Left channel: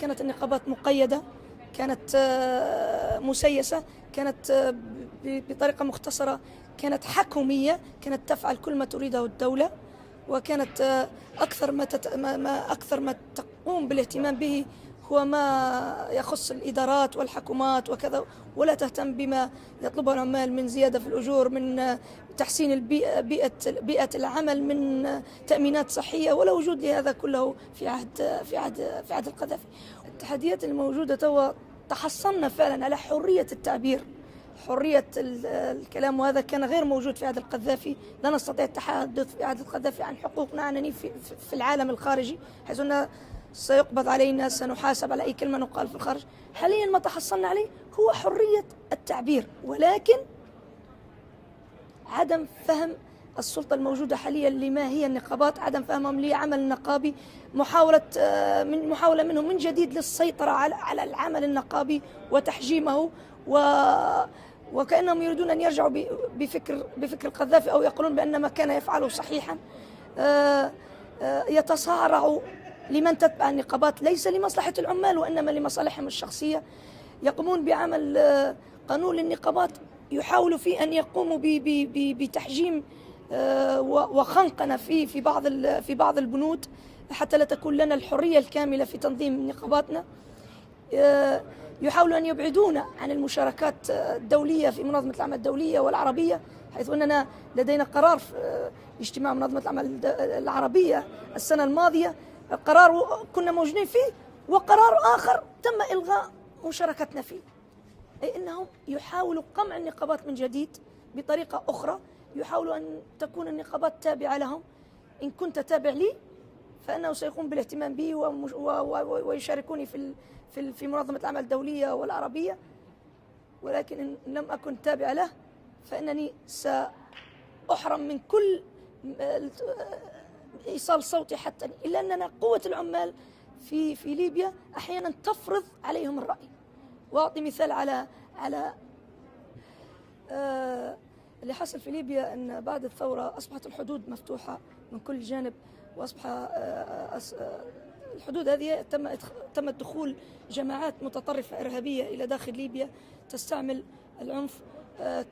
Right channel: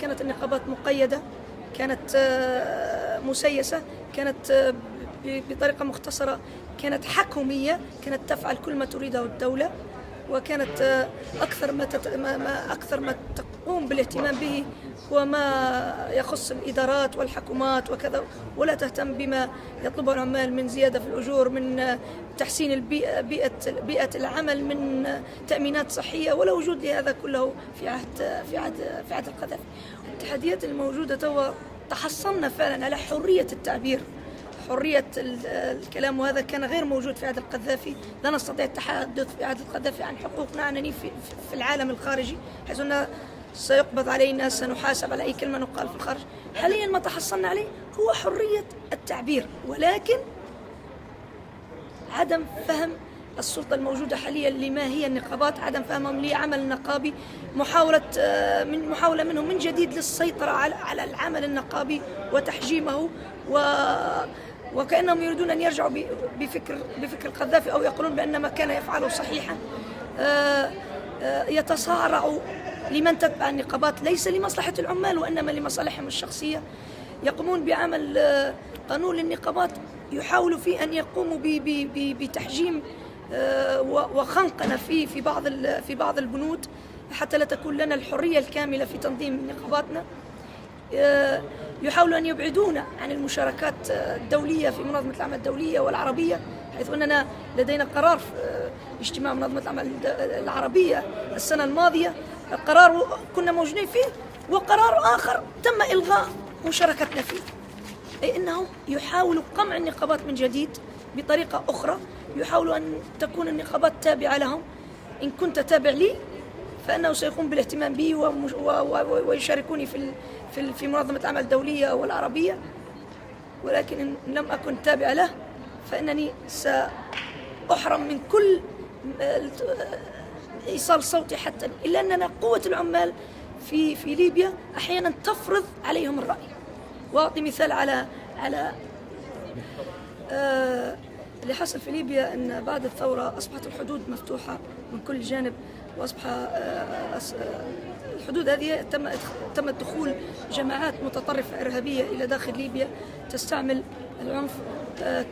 كانت النقابات مقيدة، كانت مسيسة، كانت بطريقة مختصرة كانت حكومية، كانت تفعل كل ما تريده الدولة، وكانت أكثر ما تقوم بالاهتمام به هو ما يخص الإدارات والحكومات وكذا، ولا تهتم بما يطلبه العمال من زيادة في الأجور، من تحسين البيئة، بيئة العمل، من تأمينات صحية، ولا وجود لهذا كله في عهد القذافي. التحديات الموجودة توا تحصلنا فعلا على حرية التعبير، حرية الكلام، وهذا كان غير موجود في عهد القذافي. لا نستطيع التحدث في عهد القذافي عن حقوقنا عنني في العالم الخارجي، حيث أنه سيقبض علينا، سنحاسب على أي كلمة نقال في الخارج. حاليا ما تحصلنا عليه هو حرية التعبير، ولكن عدم فهم السلطة الموجودة حاليا لما هي النقابات، عدم فهمهم لعمل النقابي، محاولة منهم من جديد للسيطرة على العمل النقابي وتحجيمه، وكأنهم يريدون أن يرجعوا بفكر القذافي، أو يقولون بأن ما كان يفعله صحيحا. يتصارعوا لمن تتبع النقابات، ليس لمصلحة العمال وإنما لمصالحهم الشخصية. يقومون بعمل قانون للنقابات يحاولوا فيه أن يقوموا بتحجيم وخنقنا في بعض البنود، حتى لا تكون لنا الحرية الكاملة في تنظيم نقاباتنا. يحاولوا أن يبعدونا عن المشاركات الدولية في منظمة العمل الدولية والعربية، حيث أننا لدينا قرار في اجتماع منظمة العمل العربية السنة الماضية، قرار كنا موجودين فيه، وقرار آخر تم إلغاء مشاركتنا فيه، أي أنهم يحاولوا قمع النقابات من جديد بطريقة أخرى. يحاولوا أن تكون النقابات تابعة لهم. إن كنت تابع لي فإنه سيقوم بالاهتمام بي ويشاركوني في منظمة العمل الدولية والعربية، ولكن إن لم أكن تابع له فإنني سأحرم من كل إيصال صوتي، حتى إلا أننا قوة العمال في ليبيا أحيانا تفرض عليهم الرأي. وأعطي مثال على اللي حصل في ليبيا، أن بعد الثورة أصبحت الحدود مفتوحة من كل جانب، وأصبح الحدود هذه تم دخول جماعات متطرفة إرهابية إلى داخل ليبيا تستعمل العنف.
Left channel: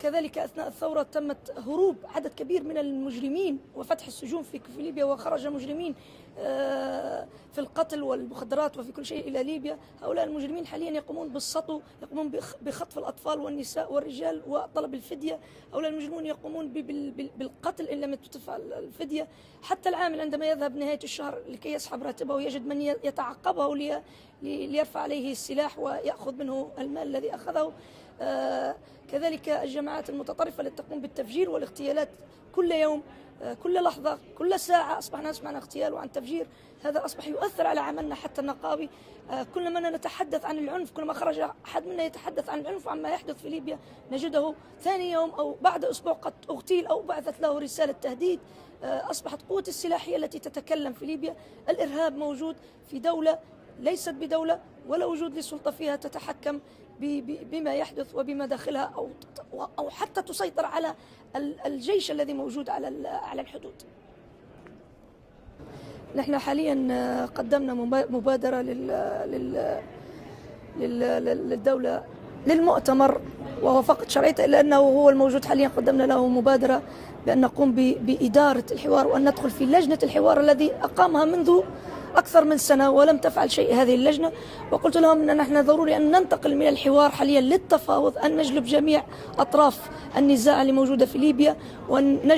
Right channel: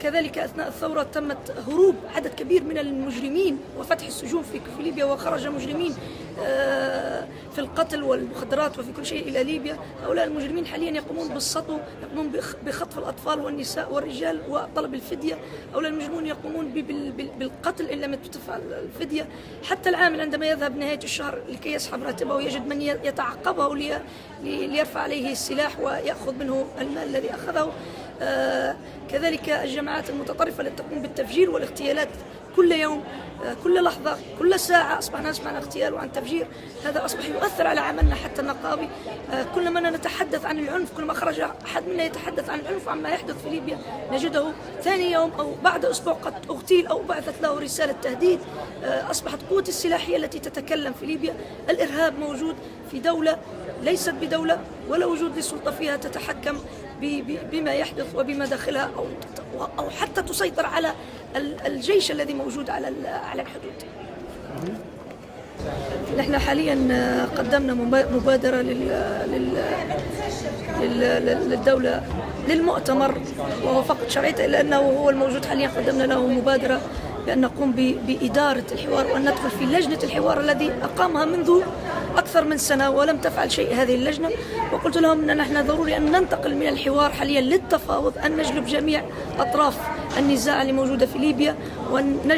كذلك أثناء الثورة تمت هروب عدد كبير من المجرمين وفتح السجون في ليبيا، وخرج مجرمين في القتل والمخدرات وفي كل شيء إلى ليبيا. هؤلاء المجرمين حاليا يقومون بالسطو، يقومون بخطف الأطفال والنساء والرجال وطلب الفدية. هؤلاء المجرمون يقومون بالقتل إن لم تدفع الفدية. حتى العامل عندما يذهب نهاية الشهر لكي يسحب راتبه ويجد من يتعقبه ليرفع عليه السلاح ويأخذ منه المال الذي أخذه. كذلك الجماعات المتطرفة التي تقوم بالتفجير والاغتيالات كل يوم، كل لحظة، كل ساعة أصبحنا نسمع عن اغتيال وعن تفجير. هذا أصبح يؤثر على عملنا حتى النقابي. كلما نتحدث عن العنف، كلما خرج أحد منا يتحدث عن العنف وعما يحدث في ليبيا، نجده ثاني يوم أو بعد أسبوع قد اغتيل أو بعثت له رسالة تهديد. أصبحت قوة السلاحية التي تتكلم في ليبيا. الإرهاب موجود في دولة ليست بدولة، ولا وجود لسلطة فيها تتحكم بما يحدث وبما داخلها، أو حتى تسيطر على الجيش الذي موجود على الحدود. نحن حاليا قدمنا مبادرة للدولة للمؤتمر، وهو فقط شرعيته، إلا أنه هو الموجود حاليا. قدمنا له مبادرة بأن نقوم بإدارة الحوار، وأن ندخل في لجنة الحوار الذي أقامها منذ أكثر من سنة ولم تفعل شيء هذه اللجنة. وقلت لهم أن نحن ضروري أن ننتقل من الحوار حاليا للتفاوض، أن نجلب جميع أطراف النزاع اللي موجودة في ليبيا، وأن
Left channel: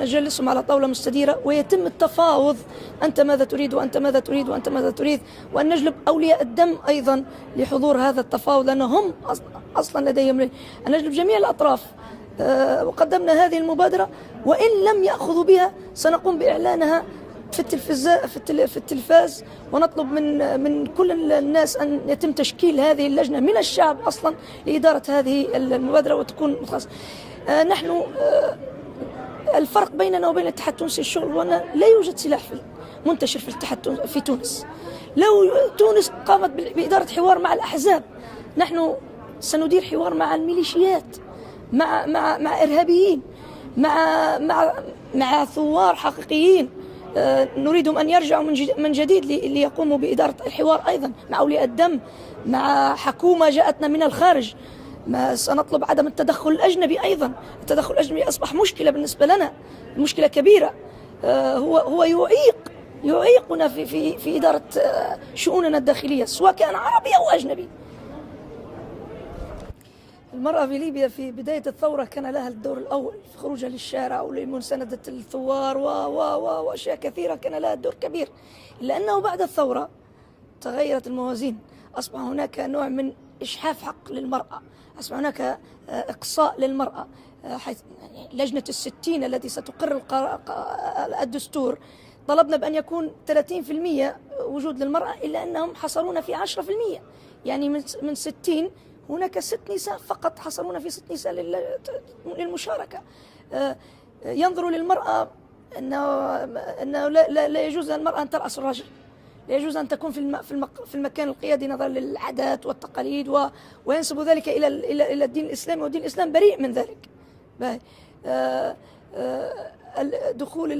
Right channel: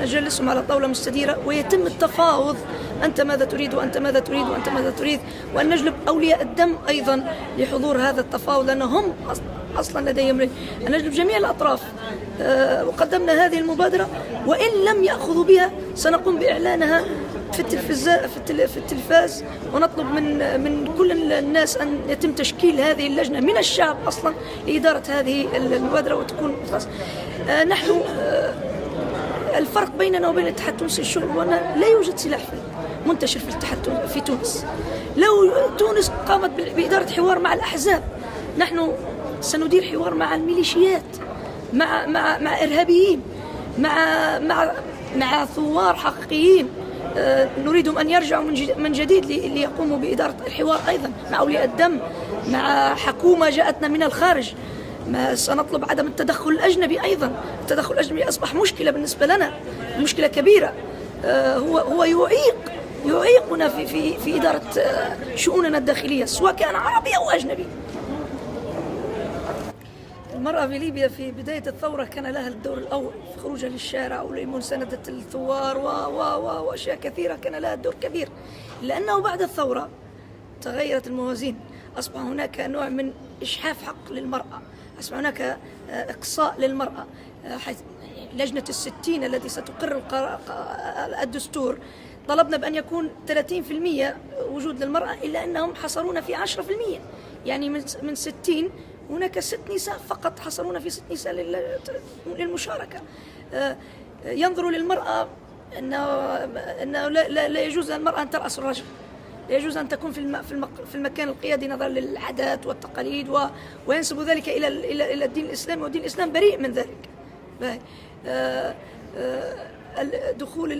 نجلسهم على طاولة مستديرة ويتم التفاوض. أنت ماذا تريد وأنت ماذا تريد وأنت ماذا تريد، وأن نجلب أولياء الدم أيضا لحضور هذا التفاوض، لأنهم أصلا لديهم أن نجلب جميع الأطراف. وقدمنا هذه المبادرة، وإن لم يأخذوا بها سنقوم بإعلانها في التلفاز، ونطلب من كل الناس أن يتم تشكيل هذه اللجنة من الشعب أصلا لإدارة هذه المبادرة وتكون خاص. نحن الفرق بيننا وبين الاتحاد التونسي الشغل هو أن لا يوجد سلاح منتشر في الاتحاد في تونس. لو تونس قامت بإدارة حوار مع الأحزاب، نحن سندير حوار مع الميليشيات، مع إرهابيين، مع ثوار حقيقيين، نريدهم أن يرجعوا من جديد ليقوموا بإدارة الحوار أيضا مع أولياء الدم، مع حكومة جاءتنا من الخارج. ما سنطلب عدم التدخل الأجنبي أيضا. التدخل الأجنبي أصبح مشكلة بالنسبة لنا، مشكلة كبيرة. هو يعيقنا في إدارة شؤوننا الداخلية، سواء كان عربي أو أجنبي. المرأة في ليبيا في بداية الثورة كان لها الدور الأول في خروجها للشارع ولمساندة الثوار وأشياء كثيرة، كان لها دور كبير. لأنه بعد الثورة تغيرت الموازين، أصبح هناك نوع من إجحاف حق للمرأة، أصبح هناك إقصاء للمرأة. لجنة ال60 التي ستقرر الدستور طلبنا بأن يكون 30% وجود للمرأة، إلا أنهم حصلون في 10%. يعني من 60 هناك 6 نساء فقط حصلون في 6 نساء للمشاركة. ينظروا للمرأة أنه لا يجوز للمرأة أن ترأس الرجل، لا يجوز أن تكون في المكان القيادي نظرا للعادات والتقاليد، وينسب ذلك إلى الدين الإسلامي، والدين الإسلام بريء من ذلك. دخول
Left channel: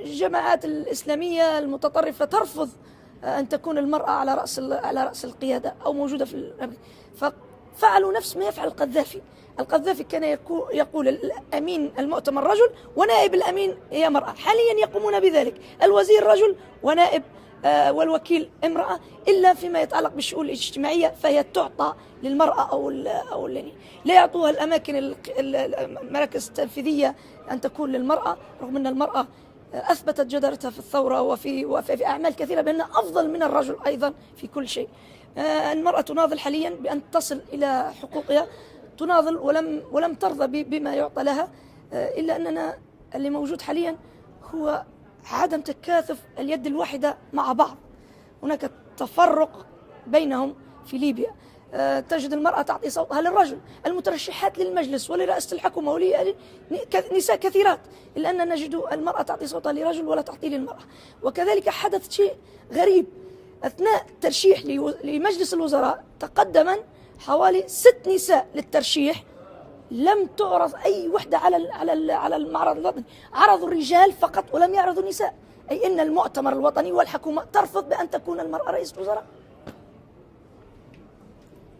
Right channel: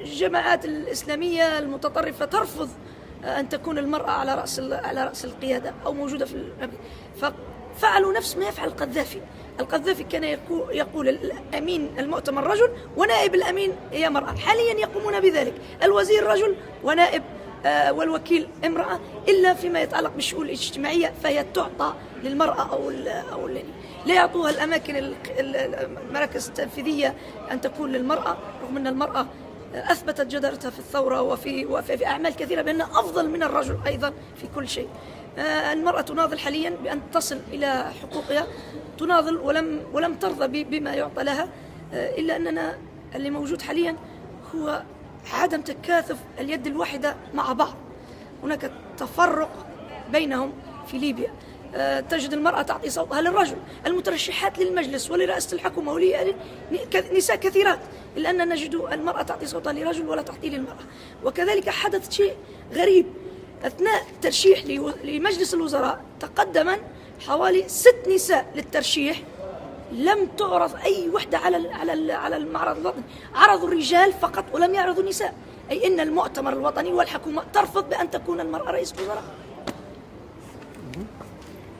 الجماعات الإسلامية المتطرفة ترفض أن تكون المرأة على رأس القيادة أو موجودة ففعلوا نفس ما يفعل القذافي. القذافي كان يقول الأمين المؤتمر رجل ونائب الأمين هي مرأة. حاليا يقومون بذلك، الوزير رجل ونائب والوكيل امرأة، إلا فيما يتعلق بالشؤون الاجتماعية فهي تعطى للمرأة أو لا يعطوها الأماكن المراكز التنفيذية أن تكون للمرأة، رغم أن المرأة أثبتت جدارتها في الثورة وفي أعمال كثيرة بأنها أفضل من الرجل أيضا في كل شيء. المرأة تناضل حاليا بأن تصل إلى حقوقها، تناضل ولم ترضى بما يعطى لها، إلا أننا اللي موجود حاليا هو عدم تكاثف اليد الواحدة مع بعض. هناك تفرق بينهم في ليبيا. تجد المرأة تعطي صوتها للرجل، المترشحات للمجلس ولرئاسة الحكومة نساء كثيرات، إلا أننا نجد المرأة تعطي صوتها لرجل ولا تعطي للمرأة. وكذلك حدث شيء غريب أثناء ترشيح لمجلس الوزراء، تقدما حوالي 6 نساء للترشيح، لم تعرض أي وحدة على المعرض الوطني، عرضوا الرجال فقط ولم يعرضوا النساء، أي أن المؤتمر الوطني والحكومة ترفض بأن تكون المرأة رئيس وزراء.